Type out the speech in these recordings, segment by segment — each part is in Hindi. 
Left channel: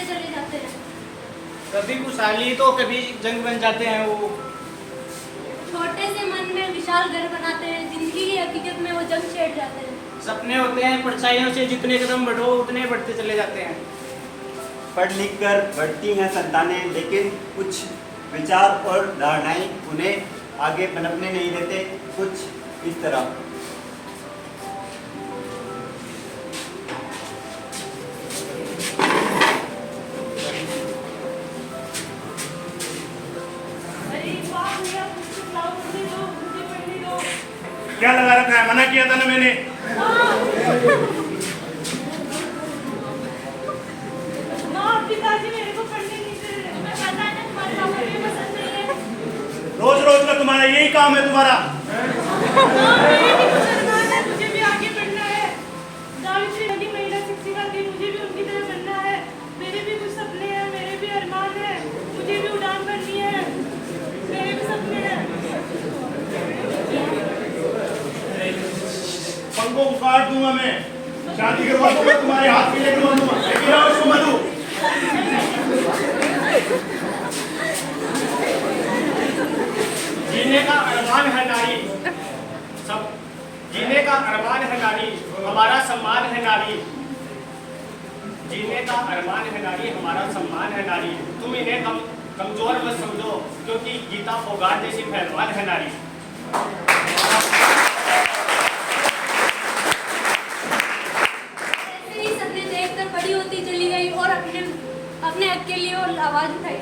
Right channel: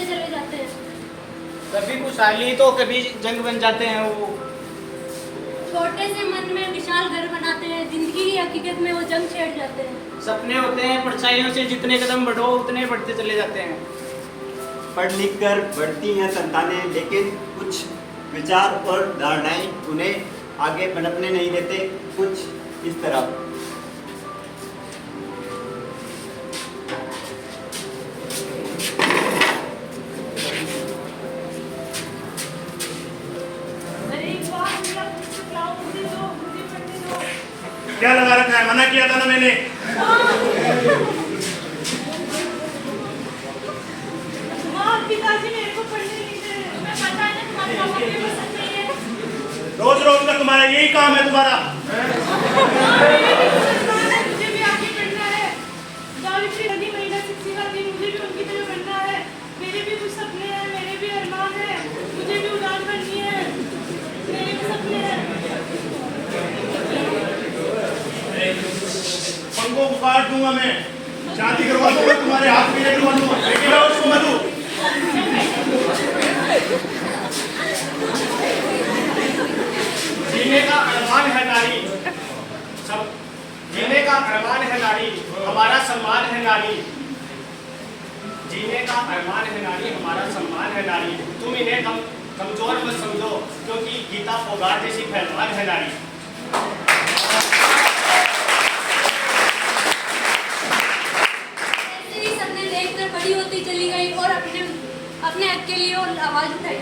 बढ़ते चले जाते हैं। कभी खुशहाली तो कभी जंग बन जाते हैं वो। छोटे से मन में विशाल घर बनाते हैं, जिंदगी की हकीकत में वो जंग छेड़ जाते हैं। सपने होते हैं परछाइयों से, जितने कदम बढ़ो उतने बढ़ते चले जाते हैं। पढ़ लिख कर बढ़ती हैं संतानें, लेकिन कुछ विचार और धारणाएं उन्हें आगे पनपने नहीं देते। कुछ इस तरह। क्या लगा रखा है? मना किया था ना मैंने। पिताजी मेरे को पढ़ने नहीं दे रहे। मैं पता है ना तुम्हारे पापा को ये पसंद नहीं है। रोज रोज का तुम्हारा यही काम है तुम्हारा। मेरे भी कुछ अरमान है, मुझे भी आगे बढ़ना है। सावित्री नदी महिला शिक्षिका थी, मुझे भी उनकी तरह बनना है। मेरे भी कुछ सपने हैं, मेरे भी अरमान है, मुझे भी उड़ान भरनी है। मेरे भी सपने हैं। पंखों को काट दूंगा मैं, शादी करवा दूंगा, तुम्हारे हाथ में लगवा दूंगा। लेकिन आओ इसको मधु। जीने का अरमान है नारी, सब जीने का अरमान है नारी, हमारा सम्मान है नारी। जीने का अरमान है नारी, हमारा सम्मान है नारी। तुम इन्हें कमजोर मत समझो, क्योंकि गीता फोगाट जैसी पहलवान है नारी। ऐसे ही सपने देखकर बड़ी होती चली गई और अपने हक के लिए और आवाज उठाई।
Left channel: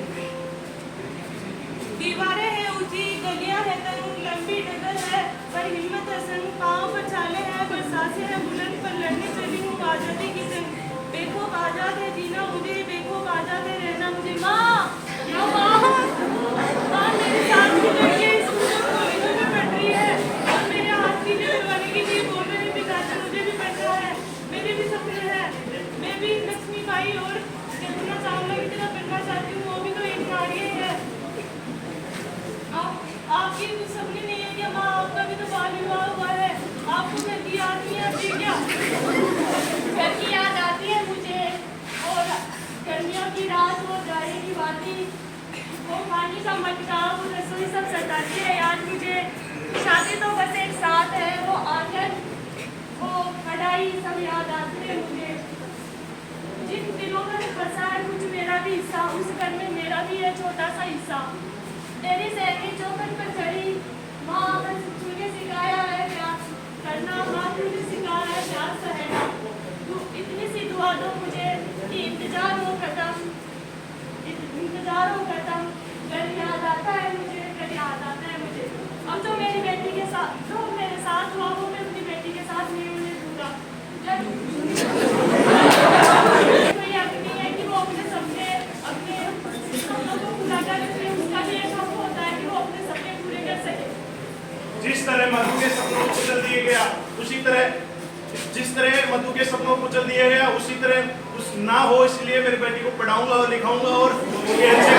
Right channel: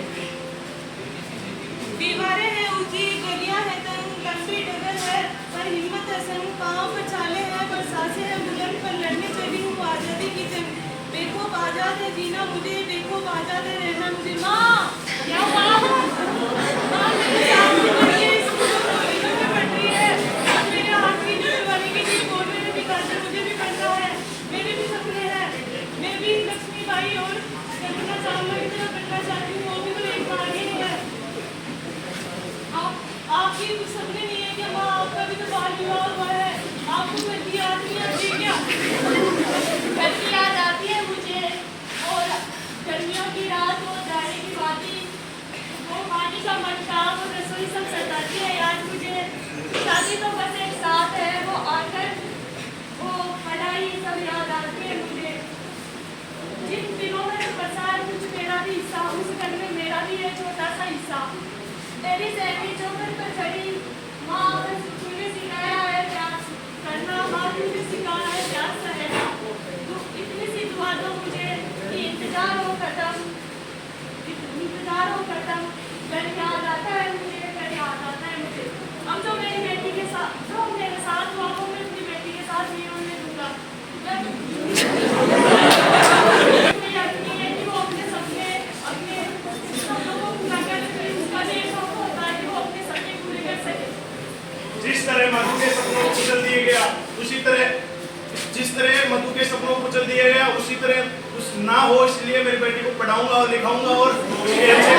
दीवारें हैं ऊंची, गलियां हैं तंग, लंबी डगर है पर हिम्मत है संग, पाँव पर छाले हैं पर सांसें हैं बुलंद, पर लड़ने चली हूँ आजादी की जंग। देखो आजाद है जीना मुझे, देखो आजाद है रहना मुझे। माँ माँ मेरे साथ भी पढ़ी है, स्कूलों में पढ़ रही है। और मेरे हाथ की जो करवाने के लिए बोल रहे हैं पिताजी, मुझे भी पढ़ना है। मेरे भी सपने हैं, मैं भी लक्ष्मीबाई और कल्पना चावला की तरह बनना चाहती हूँ। वो भी तो एक नारी है। आपकी कुछ सपने नहीं है क्या माँ? आपका भी तो बाल विवाह हुआ है, आपको घर की याद नहीं आती क्या? घर की याद आती है मुझे, और गर्मियों की रात वो जाने की बाती, वो पानी का मटका, वो रसोई सब सताती है याद मुझे। शादी तो बस एक साथ है, वो आकर वो कढ़ाई सब याद आती है मुझे। जिन दिनों में बसा है कुछ मेरा भी हिस्सा, उस घर में मेरा भी है छोटा सा हिस्सा। तेरी सैनी चौखट पर चढ़ी माँ, बस तूने सिखाया है प्यार करना, माँ तूने सिखाया है प्यार सहना। तू इतनी सी दुआ दो मुझे कि इंतजार हो खत्म, घर याद आता है मुझे, घर याद आता है मुझे। अब जो मेरी बेटी के साथ, जो मेरे साथ हुआ वो मैं अपनी बेटी के साथ नहीं होने दूंगा। कोई हक नहीं है कि वो अपने सपनों को पूरा कर सके, उसका भी एक हक होता है कि वो अपने सपने पूरे कर सके। जिस तरह मधु के सपनों को कुचल दिया गया, उसी तरह जिस तरह मधु के सपनों को कुचल दिया गया, उसी तरह उस ना हो, इसलिए मेरी बेटी को पढ़ाऊंगा और लिखाऊंगा और उसके अच्छे।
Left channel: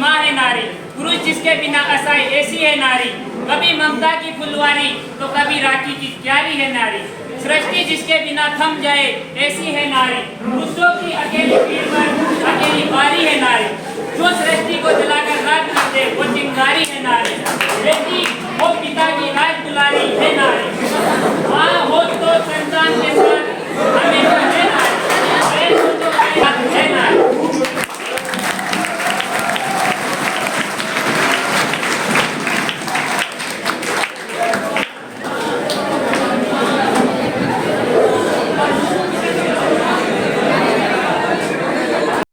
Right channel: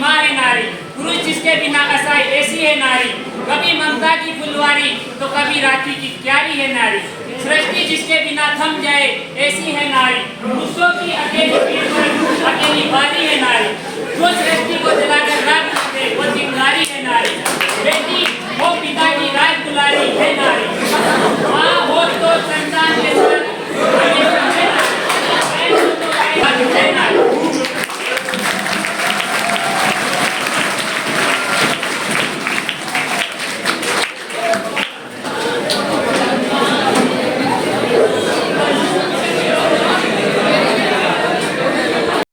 माँ है नारी, पुरुष जिसके बिना असहाय ऐसी है नारी। कभी ममता की फुलवारी तो कभी राखी की क्यारी है नारी। सृष्टि जिसके बिना थम जाए ऐसी है नारी। पुरुषों की अकेली पीठ पर अकेली बारी है नारी। जो सृष्टि को जलाकर राख दे वो चिंगारी है नारी। बेटी वो पिता की राह